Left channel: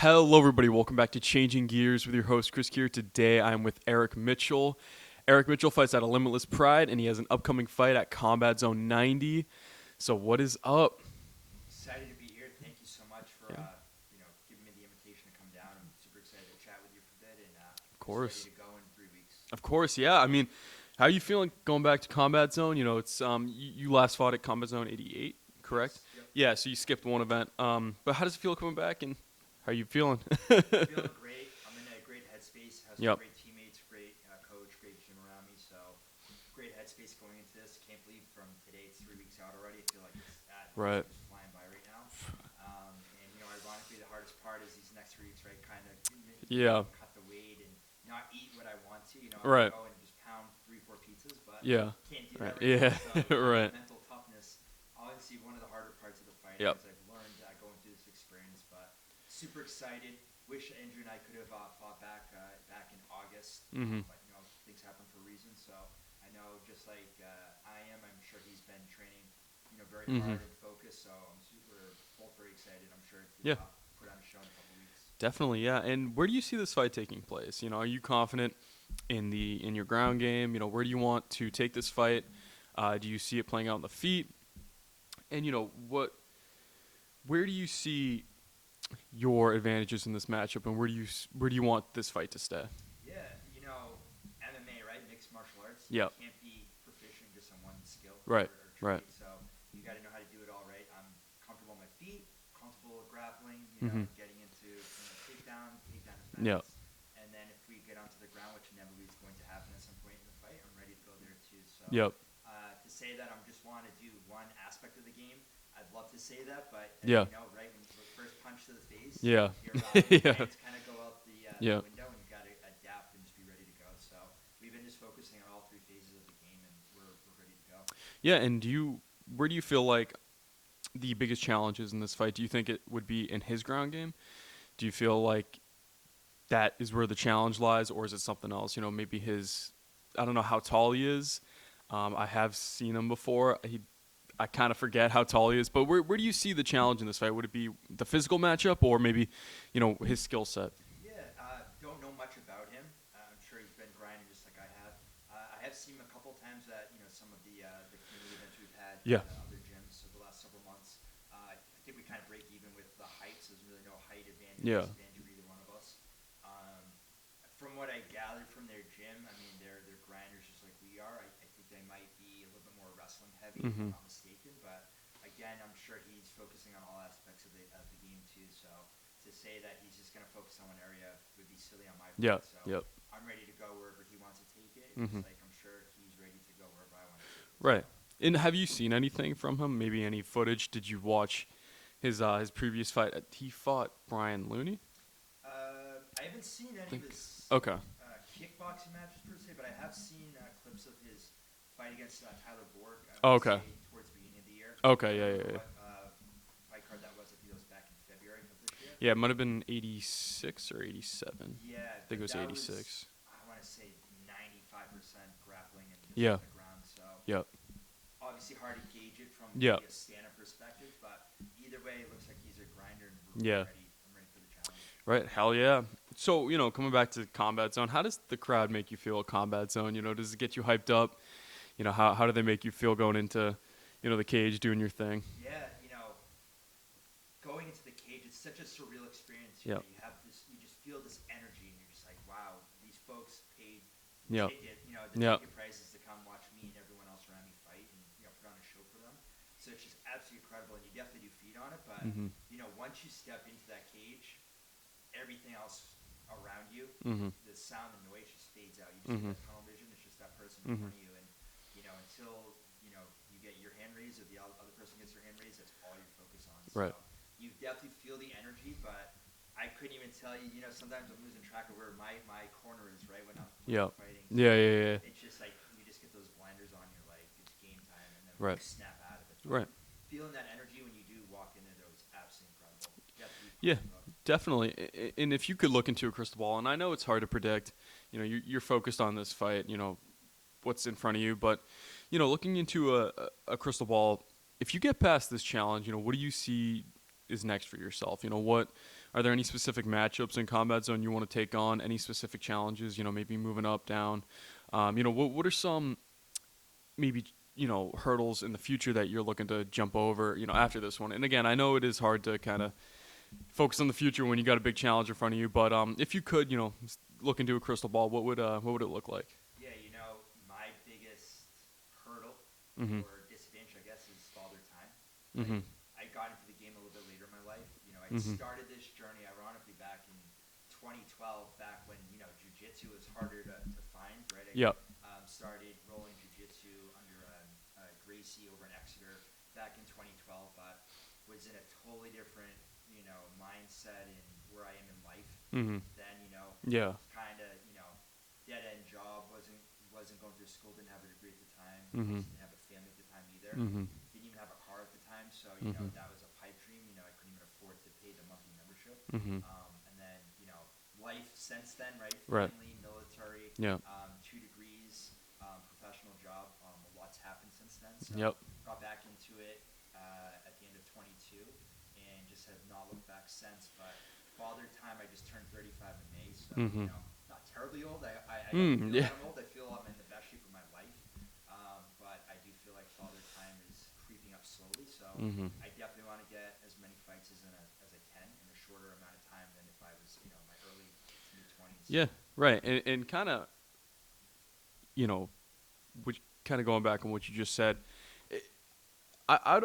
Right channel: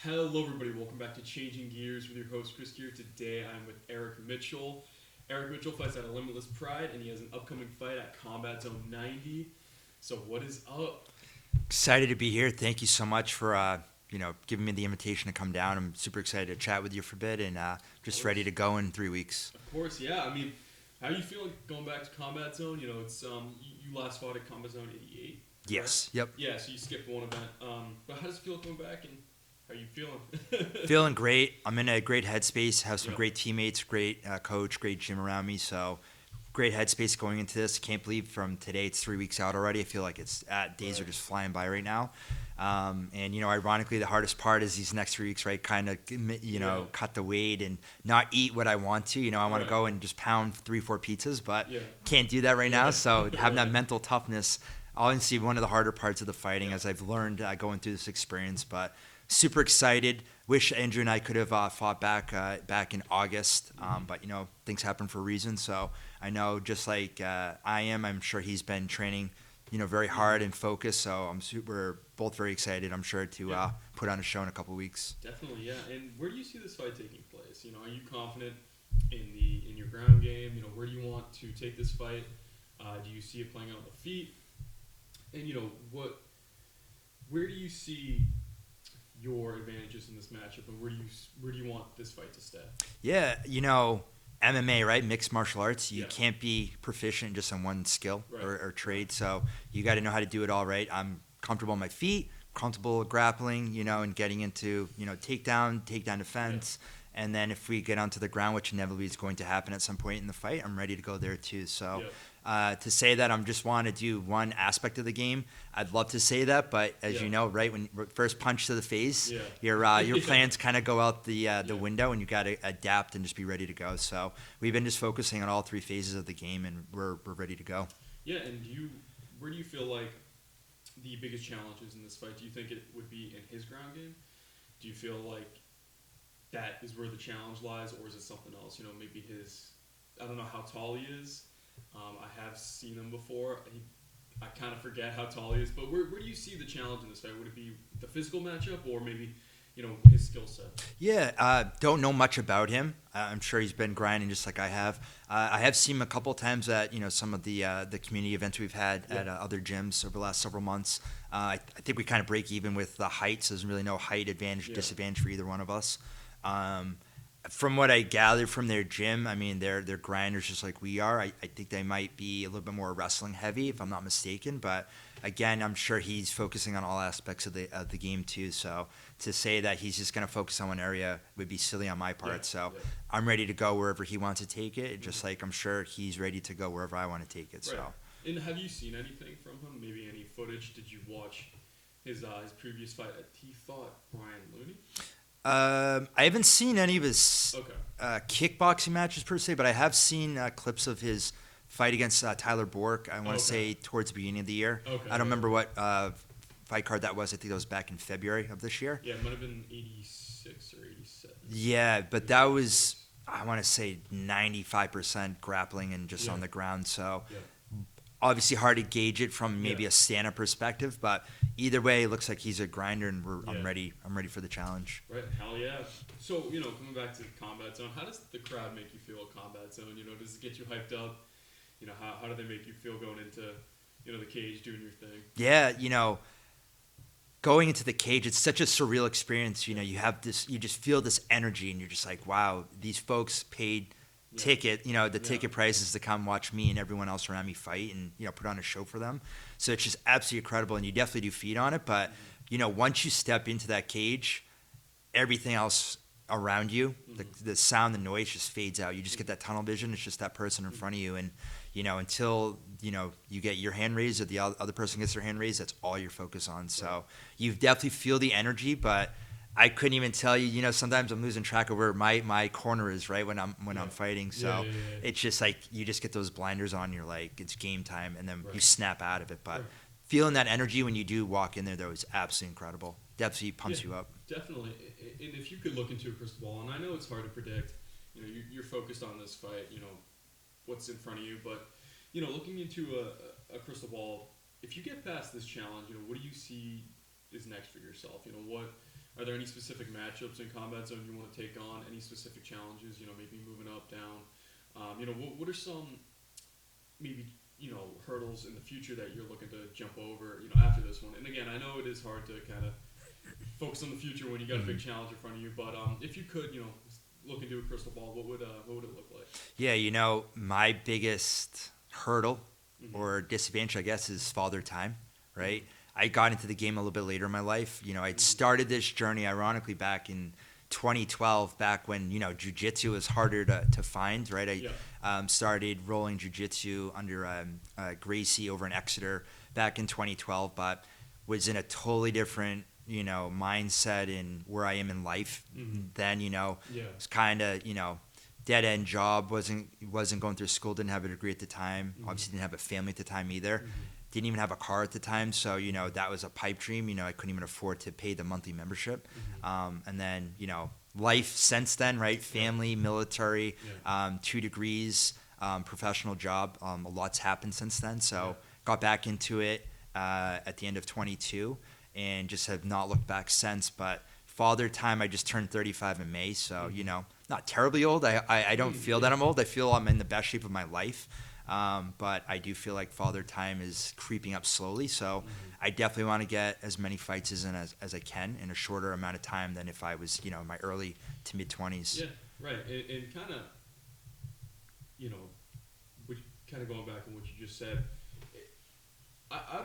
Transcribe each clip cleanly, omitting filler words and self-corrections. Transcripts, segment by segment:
Hello, everybody. Welcome back to Changin Gears with your host, Chris here. Today, I'm with Erik Mitchell. Erik Mitchell fights out of Limitless Pride, and he has an upcoming fight at Combat Zone 90. So, what is up? Excited to be here. Thank you so much for giving me the invitation to come down. I'm super excited to chat with you for a bit and just ready to go in 3 weeks. Of course, yeah. I mean, how are you feeling going back to Combat Zone? You know, it's you last fought at Combat Zone 88, correct? Yes. Yep. Yeah. So you skipped one event. But how does it feel coming back, and how are you feeling? Feeling great. I'm in a great headspace. Have some Yep. great teammates, great coach, great gym around me. So great headspace going into this. Can't believe from today it's 3 weeks out already. I feel like days Right. are just flying by right now. And ironically, the hardest part is these next 3 weeks, right? Kind of cut the weight and not eat what I want to. I want Right. to go and just pound 3-4 pizzas, but Yeah. can't do that right Yeah. now. So having Right. that mental toughness, honestly, one of the harder parts of the fighting, Yep. as I've learned going through this experience. But super excited. Wish Andrew and I could have fought back in August, but things happen for a reason. So I know, just like I'm sure he's been training, very hard and focused. So we're both very excited. I'm sure to Yeah. put on a show in a couple weeks. Definitely, yeah. And where do you see this fight taking place? Are you confident in your ground game? Where do you want to take this fight? Do you see it playing out on the feet? And where do you see your advantages in this matchup, and where do you want this fight to stay? Yeah, MMA, right? Mixed martial arts. You Yep. can't be proficient just in one skill Right, or trade. right. So you got to know how to do it all right. I'm comfortable on my feet, comfortable grappling, and getting into, takedown defense. And then if we get onto the ground, which inevitably is going to happen at some point in the fight, I'm ready to go there too. So Yep. to say that I'm just want to do one aspect of the game, I'd love to say that, but as Yeah. you know, right, when first punch to the face, Yeah. your Yeah. plans kind of go out the Yeah. window, and you got to adapt and just be ready to go. So we've been just focusing on all three phases of the game, and we're ready to go. Yeah, and where do you feel like the biggest challenges in this fight? Do you think it would be in his ground game? Do you feel like that is where the challenge lies, or is it something else? Maybe I don't know how tall he is. I have seen him before. I kind of forget how tall he is, but where do you see the challenge in this fight? Would it be the physical matchup, or maybe, his skill set? Yeah, don't know much about him. I'm sure he's been grinding just like I have. I have seen him a couple times at some of the community events we've had Yeah. at other gyms over the last several months. I think we kind of break even with the heights. There's really no height advantage or Yeah. disadvantage for either one of us. From what I gathered from their gym, I mean, they're grinders just like we are. I think they might be a little bit more wrestling heavy, if I'm not mistaken. But again, I'm sure he's focusing on all aspects of the game too. So to say that he's just going to focus on one area would be silly on my part. Yeah, So yeah. I'm ready to go wherever he wants to take it, just like I'm sure he's ready to go wherever I want to take it. Right. So. And have you seen anything from him? Maybe any footage? Did you watch his previous fight? He fought Brian Looney. I haven't seen any of his Okay. kickboxing matches per se, but I have seen clips of his fight against Tyler Bork. I want to Okay. say towards the beginning of the year. Okay, I yeah, don't remember yeah, what fight card that was. I think that was back in February of this year. Yeah, it might have been 86 or 87. Yeah, I think but it that 86. was, I want to say, 95% grappling and just Yeah. on the ground. So Yeah. obviously hard to gauge it from Yeah. maybe a stand-up perspective, but either way, it looks like he's a grinder, and Yeah. I'm ready. I'm ready for the challenge. Right, hell yeah. So, coming back to Combat Zone, how does the crowd make you feel at Combat Zone? Does it get you hyped up? How do they make you feel going into, the cage doing your thing? Yeah, going into the cage, it's such a surreal experience. Yeah. You have this, you just feel this energy, and you're just like, wow, these folks paid Yeah. ticket, the Yeah. ticket prices to come watch me and everyone else around me fight, and put on a show for them. So it's just absolutely incredible, and you definitely do feed on it. But once you step into that cage, everything else around you, the sound, the noise just fades out. You just get that tunnel vision. It's just that person in front of you, and until you get your hand raised or the other person gets their hand raised, that's all you're focused on. So Right. you definitely feel the energy, but I couldn't even tell you. Sometimes I'm losing track of where my corner is, right, when I'm fighting. So Yeah. it's just like you just get those blinders on. You're like, it's game time, and then Right. you snap out of it. But Right. feeling that energy when you do walk in there, though, is absolutely incredible. Definitely pumps you up. Definitely. And if you could look into a crystal ball, and I know it's hard to predict, you're focused on this fight, what's in front of you, but, looking into a crystal ball, if you get past this challenge, what do you see is next for yourself? What Are there any specific matchups in Combat Zone you want to take on? Any specific challenges? Maybe moving up, down. What are some maybe hurdles in the future that you're looking to jump over? After this one. And again, I know it is hard to kind of focus on the future when you got a big challenge in front of you. But if you could, look into a crystal ball, what would it look like? Yeah, my biggest hurdle or disadvantage, I guess, is father time, right? I got into the game a little bit later in my life. I'd started this journey, ironically, back in 2012, back when, jiu-jitsu was harder to find, right? I started rolling jiu-jitsu under Gracie over in Exeter back in 2012, but was in a totally different, mindset in where I am in life. Then, it's kind of, dead-end job, wasn't going through school, didn't have a degree at the time, obviously didn't have a family at the time either. Didn't even have a car at the time, so that was a pipe dream. I couldn't even afford to pay the monthly membership. And then life since then, right? Family, military, 2 degrees, professional job. A lot's happened since then. So got back into it at the end of 22, and just have not looked back since. But father time, I just turned 35 in May, so not terribly old. I don't feel that I'm old. I feel I'm in the best shape of my life. But I do feel like father time is creeping up slowly. So I definitely want to get as many fights as I can in a shorter amount of time than if I was, in my early to mid 20s. Yeah, right. And kind of, kind of going back on what you just said, I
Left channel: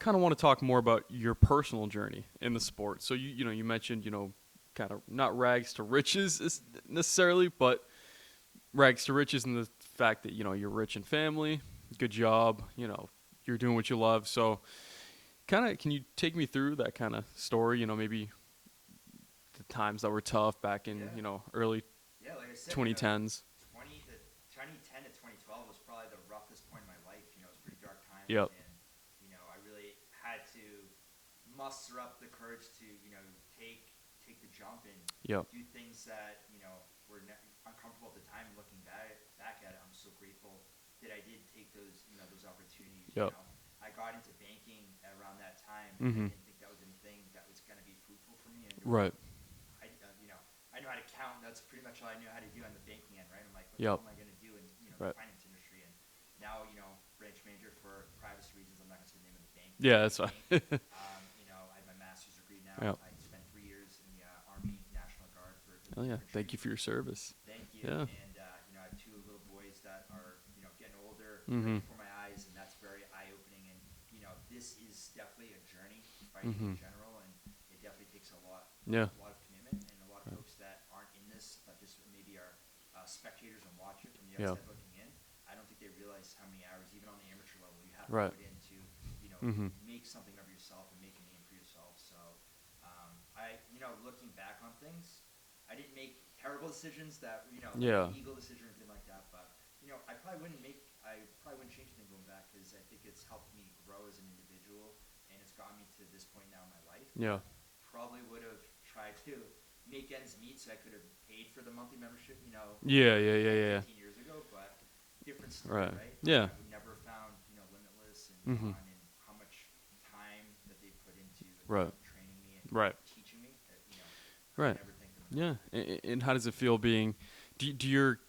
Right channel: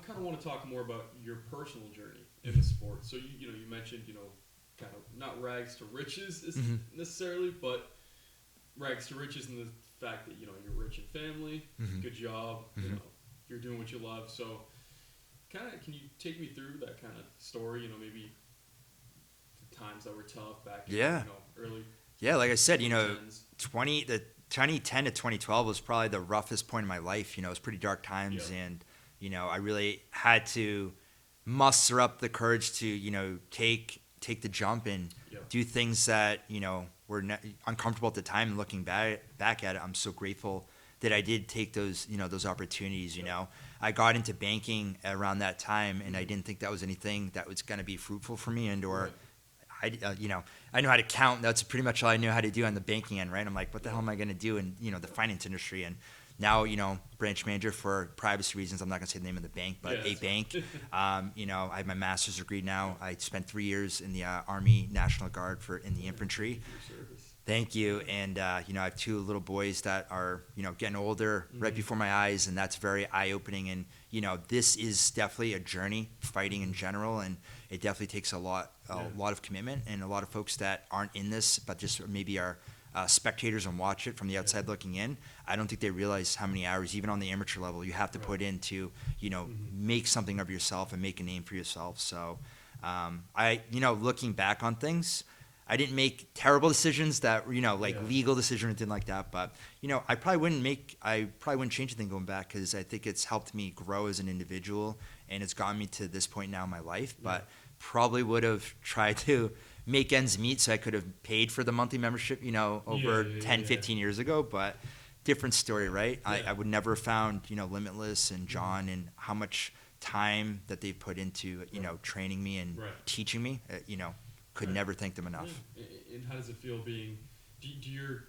kind of want to talk more about your personal journey in the sport. So you mentioned, kind of not rags to riches necessarily, but rags to riches in the fact that you're rich in family, good job, you're doing what you love. So kind of, can you take me through that kind of story, maybe the times that were tough back in early like I said, 2010s. 2010 to 2012 was probably the roughest point in my life. It was pretty dark times, and I really had to muster up the courage to take the jump and do things that were uncomfortable at the time. And looking back at it, I'm so grateful that I did take those those opportunities. I got into banking around that time, and I didn't think that was anything that was going to be fruitful for me. I know how to count. That's pretty much all I knew how to do on the banking end, right? I'm like, what the hell am I going to do in the finance industry? And now, branch manager for privacy reasons. I'm not going to say the name of the bank, but a bank. I have my master's degree now. I spent 3 years in the Army National Guard in the infantry. Thank you for your service. Thank you. Yeah. And, I have 2 little boys that are, getting older right before my eyes, and that's very eye-opening. And, this is definitely a journey, fighting in general, and it definitely takes a lot of commitment, and a lot of folks that aren't in this, but just maybe are spectators and watch it from the outside looking in. I don't think they realize how many hours, even on the amateur level, you have to put in to, make something of yourself and make a name for yourself. So, looking back on things, I didn't make terrible decisions that, legal decisions or anything like that. But, I probably wouldn't change anything going back, because I think it's helped me grow as an individual, and it's gotten me to this point now in my life. Yeah. But probably would have tried to make ends meet so I could have paid for the monthly membership, over 10, 15 years ago. But different story, right? Yeah. I would never have found, Limitless and John and how much time that they put into, training me and teaching me. Could never thank them enough. Yeah. And how does it feel being? Do your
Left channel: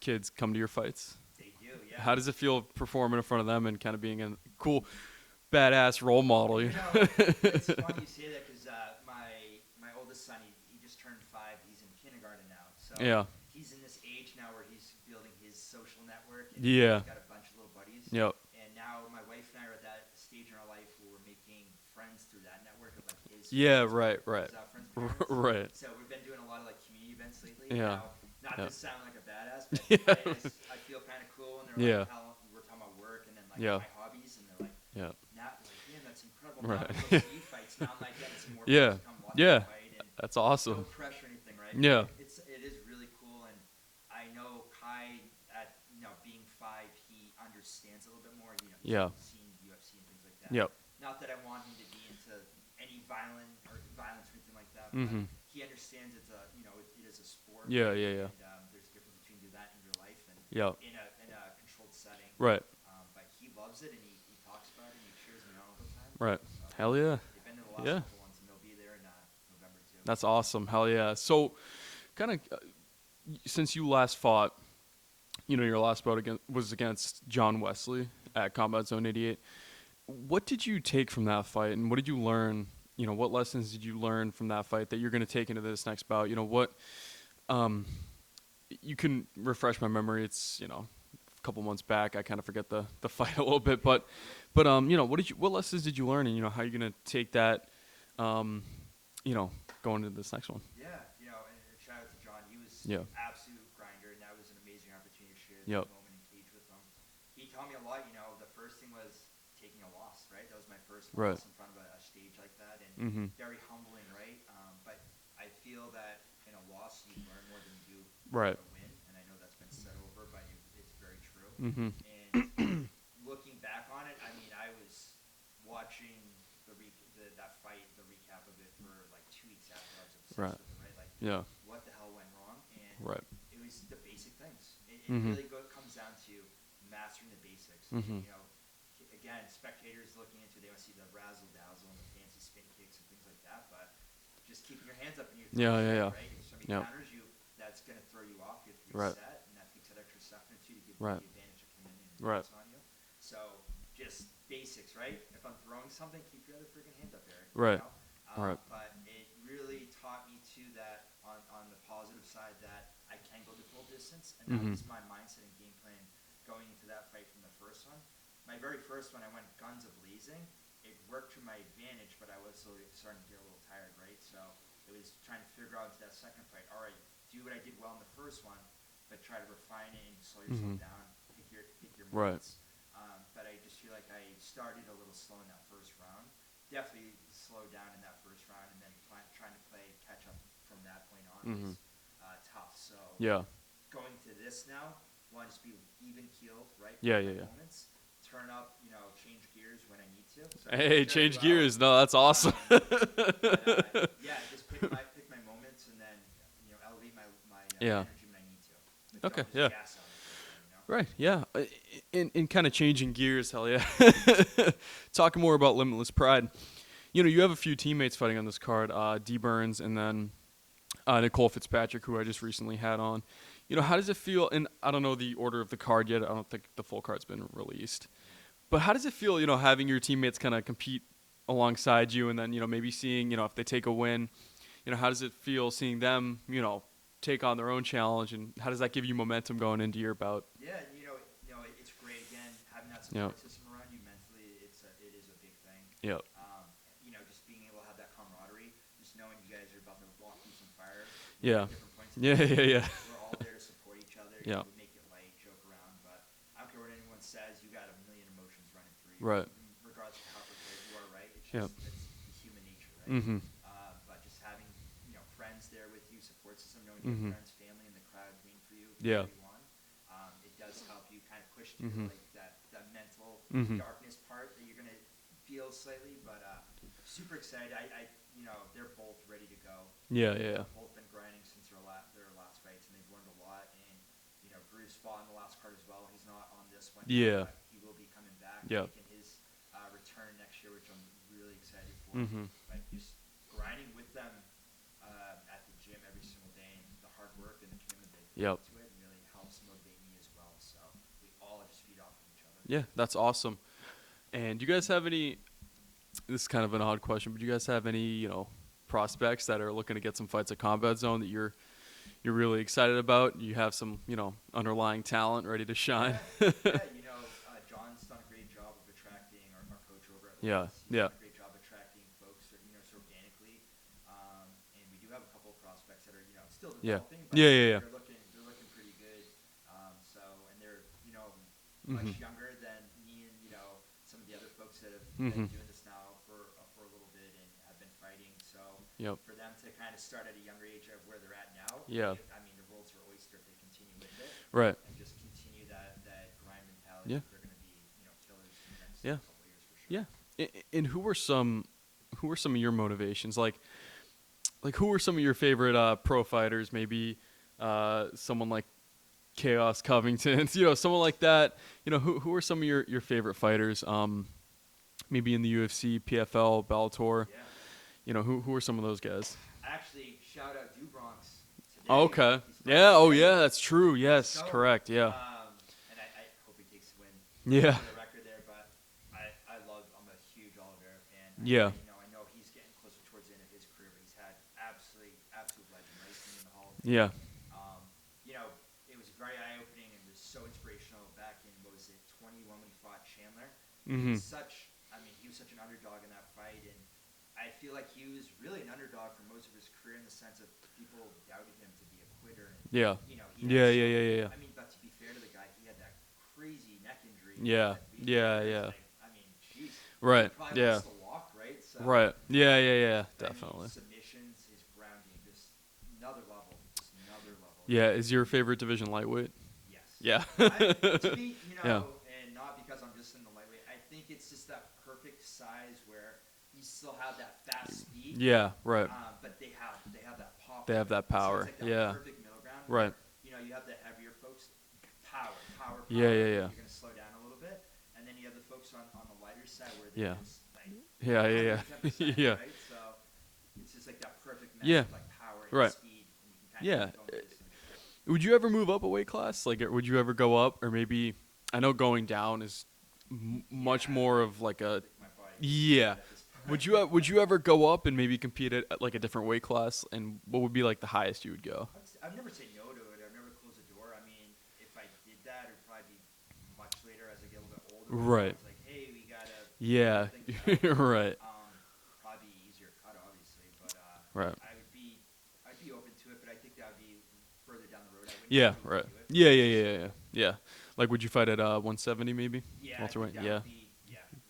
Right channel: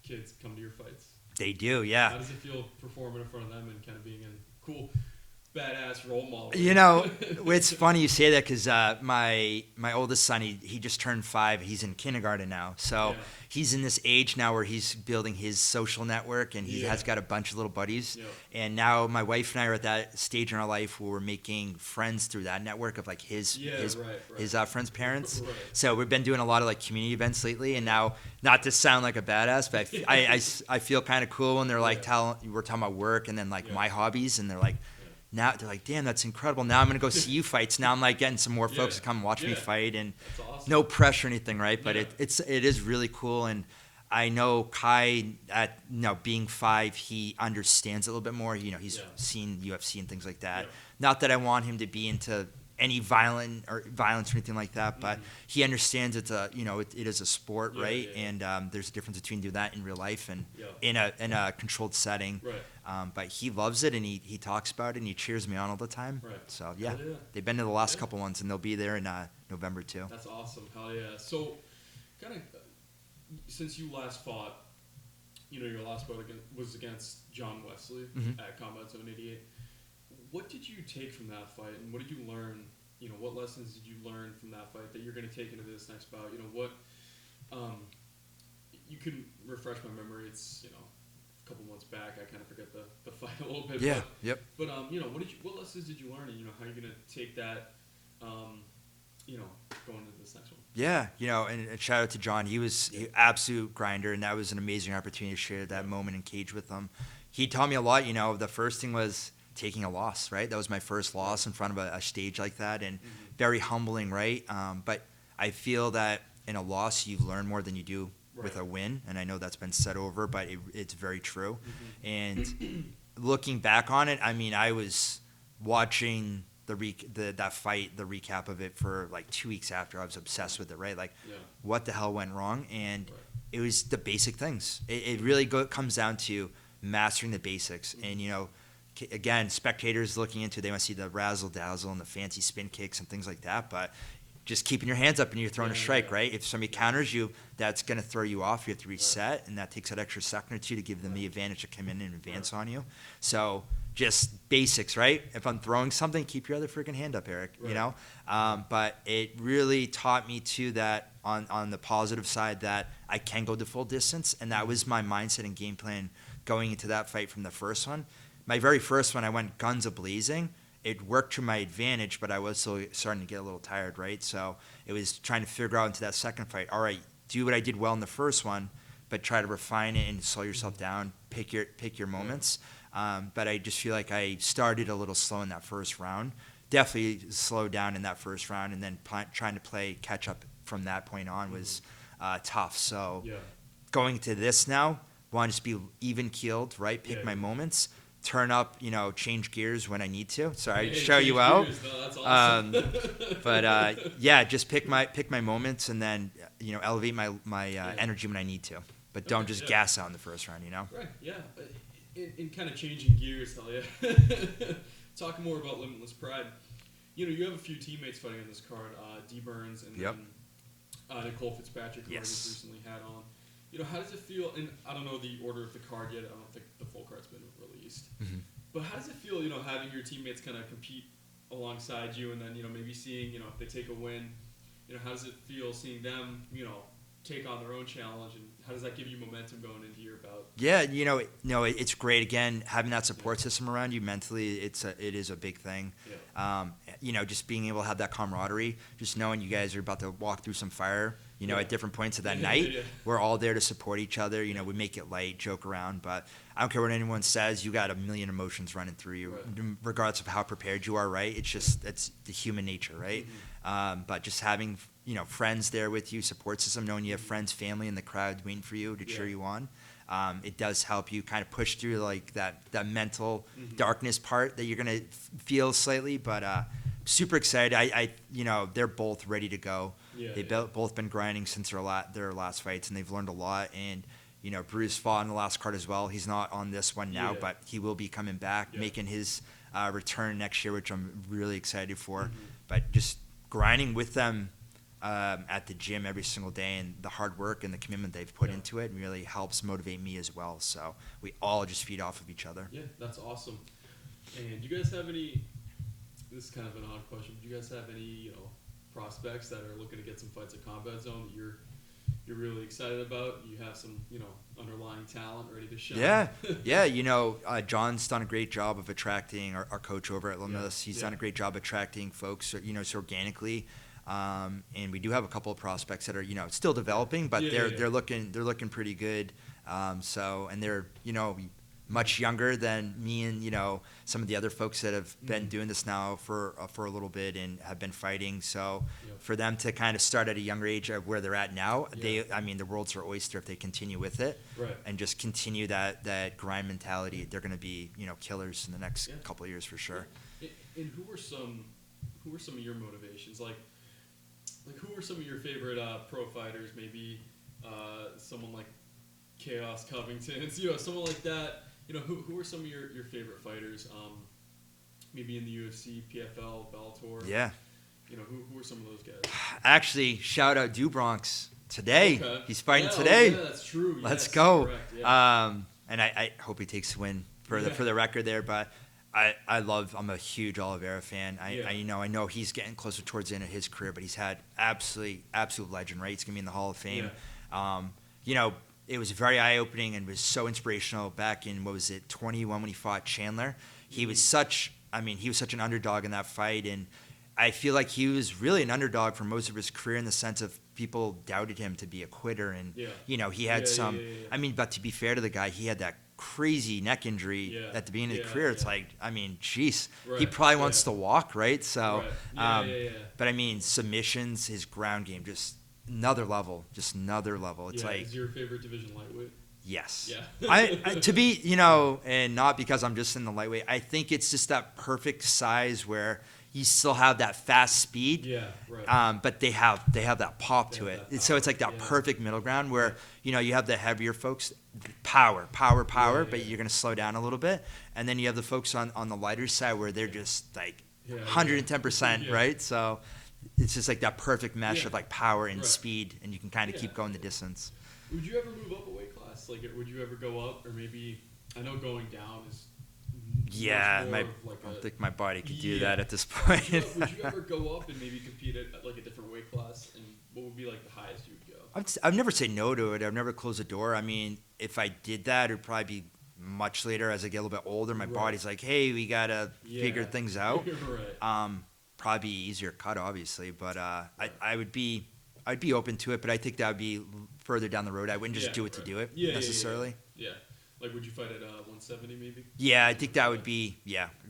kids come to your fights? They do, yeah. How does it feel performing in front of them and kind of being a cool, badass role model? It's funny you say that, because my oldest son, he just turned 5. He's in kindergarten now, so he's in this age now where he's building his social network, and he has got a bunch of little buddies. And now my wife and I are at that stage in our life where we're making friends through that network of his friends' parents. So we've been doing a lot of community events lately, and now, not to sound like a badass, but I feel kind of cool when they're we're talking about work and then my hobbies, and they're like, now they're like, damn, that's incredible. Now I'm gonna go see you fights. Now I'm getting some more folks to come watch me fight, and that's awesome. No pressure or anything, right? But it is really cool, and I know Kai, at being 5, he understands a little bit more. He's seen UFC and things like that. Not that I want him to be into any violence or anything like that, but he understands it's a it is a sport, Yeah, right? yeah, yeah. And there's a difference between doing that in real life and Yep. in a controlled setting, Right. But he loves it and he talks about it and he cheers me on all the time. Right. So Hell yeah. they've been to the last Yeah. couple ones and they'll be there in November too. That's awesome. Hell yeah. So, kind of, since you last fought, your last bout was against John Wesley at Combat Zone 88. What did you take from that fight, and what did you learn? What lessons did you learn from that fight that you're going to take into this next bout? What you can refresh my memory. It's a couple months back. I kind of forget the fight a little bit, Yeah, but yep. but what lessons did you learn, and how you're going to take that going into this next one? Yeah, and shout out to John. He was an absolute grinder, and that was an amazing opportunity to share that moment in cage with him. He taught me a lot. The first thing was taking a loss, right? That was my first loss in front of a stage like that, and very humbling, right? But I feel that in a loss, you learn more than you do with a win, and I know that's been said over, but it's very true. And looking back on it, I mean, I was watching that fight, the recap of it for like 2 weeks after. I was obsessed with it, right? Like, what the hell went wrong? And it was the basic things. It really comes down to mastering the basics. And, again, spectators looking into it, they want to see the razzle dazzle and the fancy spin kicks and things like that. But just keeping your hands up and you're throwing a strike, right? If somebody counters you, that's going to throw you off. You have to reset, and that takes that extra second or two to give them the advantage to come in and advance on you. So just basics, right? If I'm throwing something, keep your other freaking hand up, Eric. Right. But it really taught me too that on the positive side that I can go the full distance, and that was my mindset and game plan going into that fight from the first one. My very first one, I went guns a-blazing. It worked to my advantage, but I was still starting to get a little tired, right? So it was trying to figure out into that second fight, all right, do what I did well in the first one, but try to refine it and slow yourself down, pick your moments. But I just feel like I started a little slow in that first round. Definitely slowed down in that first round, and then trying to play catch up from that point on was tough. So going to this now, want to just be even keeled, right? Pick my moments. Turn up, change gears when I need to. Sorry, show you out. Gears. No, that's awesome. But just pick my moments, and then elevate my energy when I need to. But don't just gas out in the first round, Right. Yeah. In kind of changing gears, hell yeah. Talking more about Limitless Pride. You have a few teammates fighting on this card. D Burns and then Nicole Fitzpatrick, who I just recently had on. How does it feel? And I don't know the order of the card yet. I don't think the full card's been released. But how does it feel, having your teammates kind of compete alongside you, and then, maybe seeing, if they take a win, how does it feel seeing them, take on their own challenge, and how does that give you momentum going into your bout? Yeah, it's great. Again, having that support system around you mentally, it is a big thing. Just being able to have that camaraderie, just knowing you guys are about to walk through some fire, at different points of that night. We're all there to support each other. We make it light, joke around, but I don't care what anyone says. You got a million emotions running through you, regardless of how prepared you are, right? It's just, it's the human nature, right? But just having, friends there with you, support system, knowing you have friends, family in the crowd waiting for you to cheer you on. It does help you kind of push through like that mental darkness part that you're going to feel slightly, but super excited. They're both ready to go. They've both been grinding since their last fights, and they've learned a lot. And Bruce fought in the last card as well. He's not on this one now, but he will be coming back, making his return next year, which I'm really excited for. But just grinding with them at the gym every single day, and the hard work and the commitment they've put into it really helps motivate me as well. So we all just feed off of each other. Yeah, that's awesome. And do you guys have any? This is kind of an odd question, but do you guys have any prospects that are looking to get some fights at Combat Zone that you're really excited about? You have some underlying talent ready to shine. John's done a great job of attracting our coach over at Limitless. He's done a great job attracting folks so organically. And we do have a couple of prospects that are still developing, but they're looking pretty good. And they're much younger than me and some of the other folks that have been doing this now for a little bit and have been fighting. So for them to kind of start at a younger age of where they're at now, the world's their oyster if they continue with it, and just continue that grind mentality. They're going to be killers in the next couple of years for sure. And who were some who are some of your motivations? Like who are some of your favorite pro fighters? Maybe someone like Chaos Covington, someone like that. Who are some of your favorite fighters? Maybe in the UFC, PFL, Bellator. Yeah. Who are some of those guys? Actually, shout out Dubronx today. Okay. He's fighting today. today. Oh, yeah, that's true. Yes. Let's go. Correct, yeah. And I hope he takes the win Yeah. for the record there. But I'm a huge Oliveira fan. I know he's getting closer towards the end of his career, but he's had absolute legend, right? He's going to be in the Hall of Fame. Yeah. It was very eye-opening and was so inspirational back in, 21 when he fought Chandler. He was such an underdog in that fight, and I feel like he was really an underdog for most of his career in the sense of people doubted him to be a quitter, and he had some. Yeah. But to be fair to the guy, he had that crazy neck injury at the beginning of the career. It's like, jeez, right. he probably wants to walk, right? So, right. Yeah. But definitely. Submissions, his ground game, just another level. It's is your favorite division lightweight? Yes. Yeah. To be, and not because I'm just in the lightweight. I think it's just that perfect size where you still have that fast speed. Yeah, right. But they have that pop to it. And so it's like that perfect middle ground where, you have the heavier folks, power, but you're going to slow down a little bit. And then you have the folks on the lighter side where they're just like 110%, right? So it's just like that perfect mesh of like power and speed, and you can kind of keep going the distance. Would you ever move up a weight class? Like, would you ever go up, or maybe? I know going down is much more of like a. I think my body can do that at this point. Would you ever go up and maybe compete at like a different weight class? And what would be like the highest you would go? I've never said no to it. I've never closed the door. If I did that, it would probably be much later as I get a little bit older. My body's like, hey, we gotta figure things out. Right. Probably easier cut, obviously, but I'd be open to it. But I think that would be further down the road. I wouldn't just do it to do it. Yeah. Like, would you fight at 170 maybe? Yeah, I think that would be,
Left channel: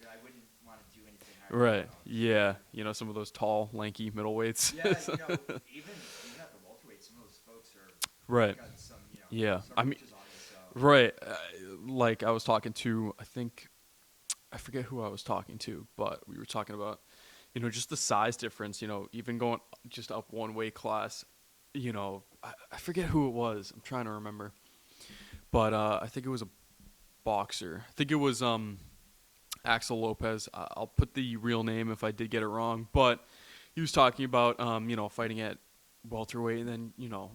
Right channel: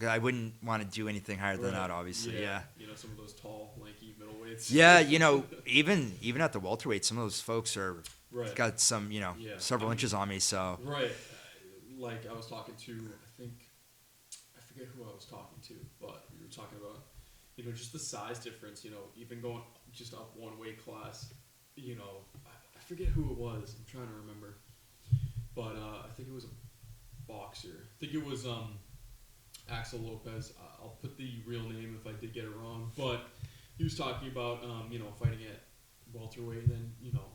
I wouldn't want to do anything higher than that, obviously. Yeah. Some of those tall, lanky middleweights. Yeah, even at the welterweight, some of those folks are got some, several inches on me. So right. Like I was talking to, I forget who I was talking to, but we were talking about, just the size difference, even going just up one weight class, I forget who it was. I'm trying to remember. But I think it was a boxer. I think it was Axel Lopez. I'll put the real name if I did get it wrong. But he was talking about, fighting at welterweight and then,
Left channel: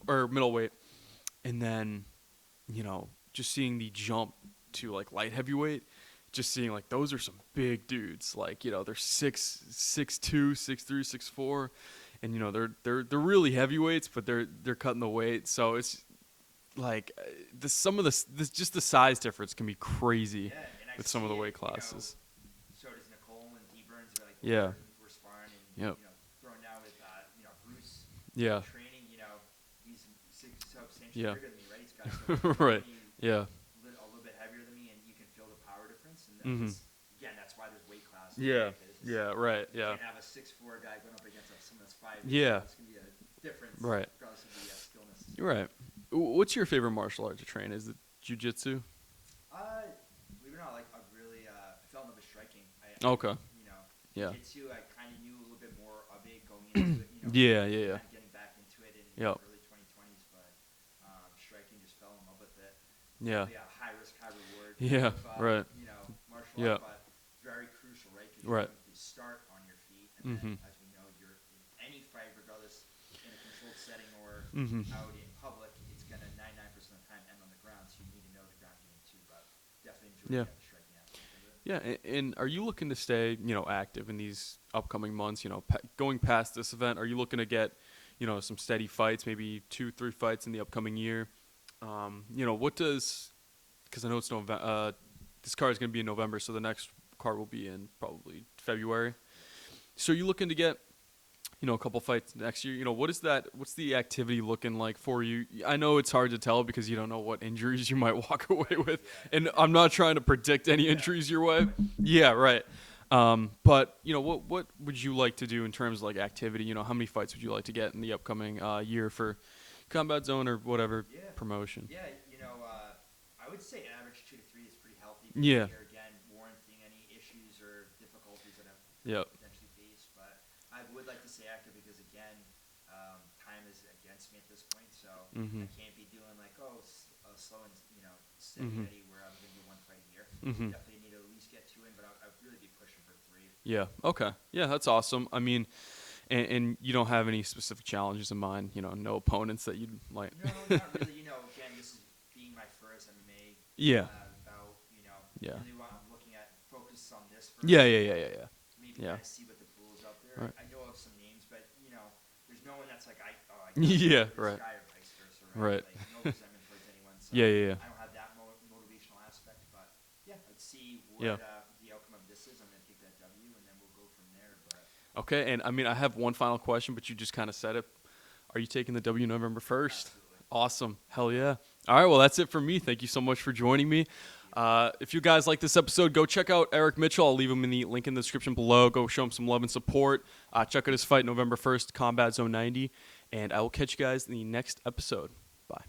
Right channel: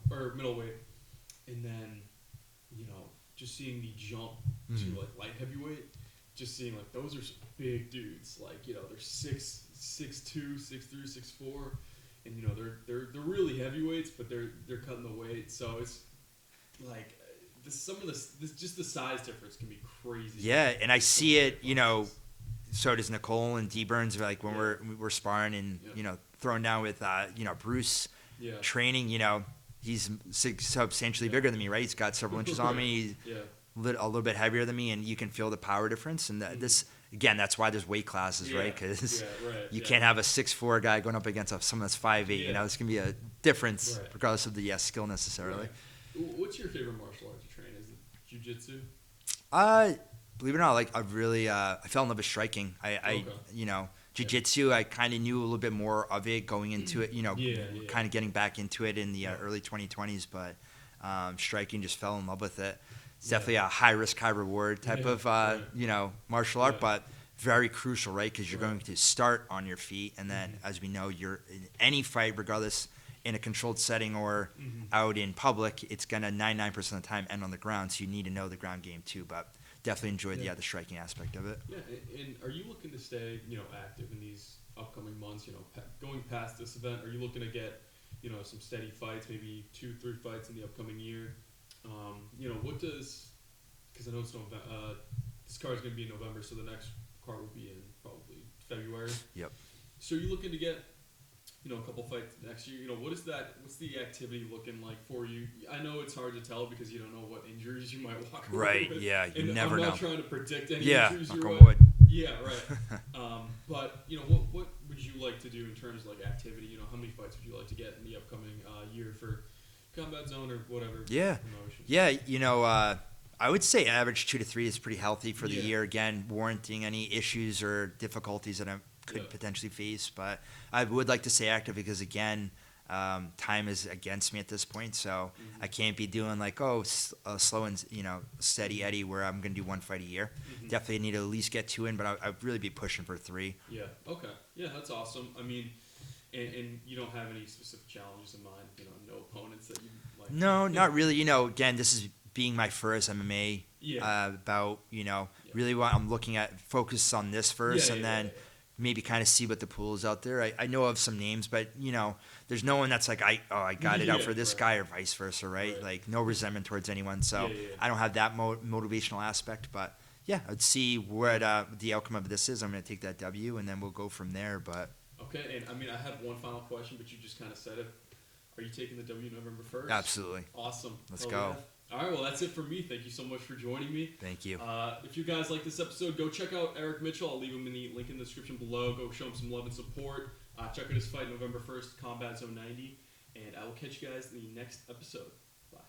or middleweight. And then, just seeing the jump to, like, light heavyweight. Just seeing, like, those are some big dudes. Like, they're 6'2", 6'3", 6'4". And, they're really heavyweights, but they're cutting the weight. So it's, like... just the size difference can be crazy. Yeah, and I see it, so does Nicole and D Burns, like when we're sparring and throwing down with Bruce training, he's substantially bigger than me, right? He's got several inches on me. He's a little bit heavier than me, and you can feel the power difference. And this again, that's why there's weight classes, right? Because you can't have a 6'4" guy going up against someone that's 5'8". There's gonna be a difference regardless of the skill necessarily. Right. What's your favorite martial art to train? Is it jiu-jitsu? Believe it or not, like I really, I fell in love with striking. Jiu-jitsu, I kind of knew a little bit more of it going into it, kind of getting back into it in the early 2020s, but striking, just fell in love with it. It's definitely a high risk, high reward type of, martial art, but very crucial, right? Because you're going to start on your feet, and then, as we know, you're in any fight, regardless in a controlled setting or out in public, it's going to 99% of the time end on the ground, so you need to know the ground game too, but definitely enjoy the strike aspect of it. Yeah, and are you looking to stay, active in these upcoming months, going past this event? Are you looking to get, some steady fights, maybe 2-3 fights in the upcoming year? What does, because I know it's November, this card is going to be in November, so the next card will be in probably February. Yep. So are you looking to get, a couple fights next year? What's the activity looking like for you? I know it's hard to tell because you don't know what injuries you might walk away with. Yeah, and I'm not trying to predict any injuries your way. Yeah, right. But, what would you like to do in terms of, like, activity? How many fights would you like to get in the upcoming year for Combat Zone or whatever promotion? Yeah, I would say average 2 to 3 is pretty healthy for Yeah. the year. Again, warranting any issues or difficulties that I could Yep. potentially face. But I would like to stay active because, again, time is against me at this point. So Mhm. I can't be doing like, slow and, steady Eddie where I'm going to do one fight a year. Mhm. Definitely need to at least get 2 in, but I'd really be pushing for 3. Yeah. Okay. Yeah, that's awesome. I mean, and you don't have any specific challenges in mind. No opponents that you like. No, not really. Again, this is being my first MMA. Yeah. Yeah. Yeah. Really what I'm looking at, focus on this first, Yeah. and then maybe Yeah. kind of see what the pool is out there. I know of some names, but there's no one that's like I got it Yeah, out for this right. guy or vice versa, right? Right. Like no resentment towards anyone. So Yeah. I don't have that motivational aspect, but yeah, I'd see what the outcome of this is. I'm going to take that W, and then we'll go from there. But Okay. And I mean, I have one final question, but you just kind of said it. Are you taking the W November 1st? absolutely, Awesome. Let's Hell go. yeah. All right. Well, that's it for me. Thank you so much for joining me. thank you. If you guys like this episode, go check out Erik Mitchell. I'll leave him in the link in the description below. Go show him some love and support. Check out his fight November 1st, Combat Zone 90. And I will catch you guys in the next episode. Bye.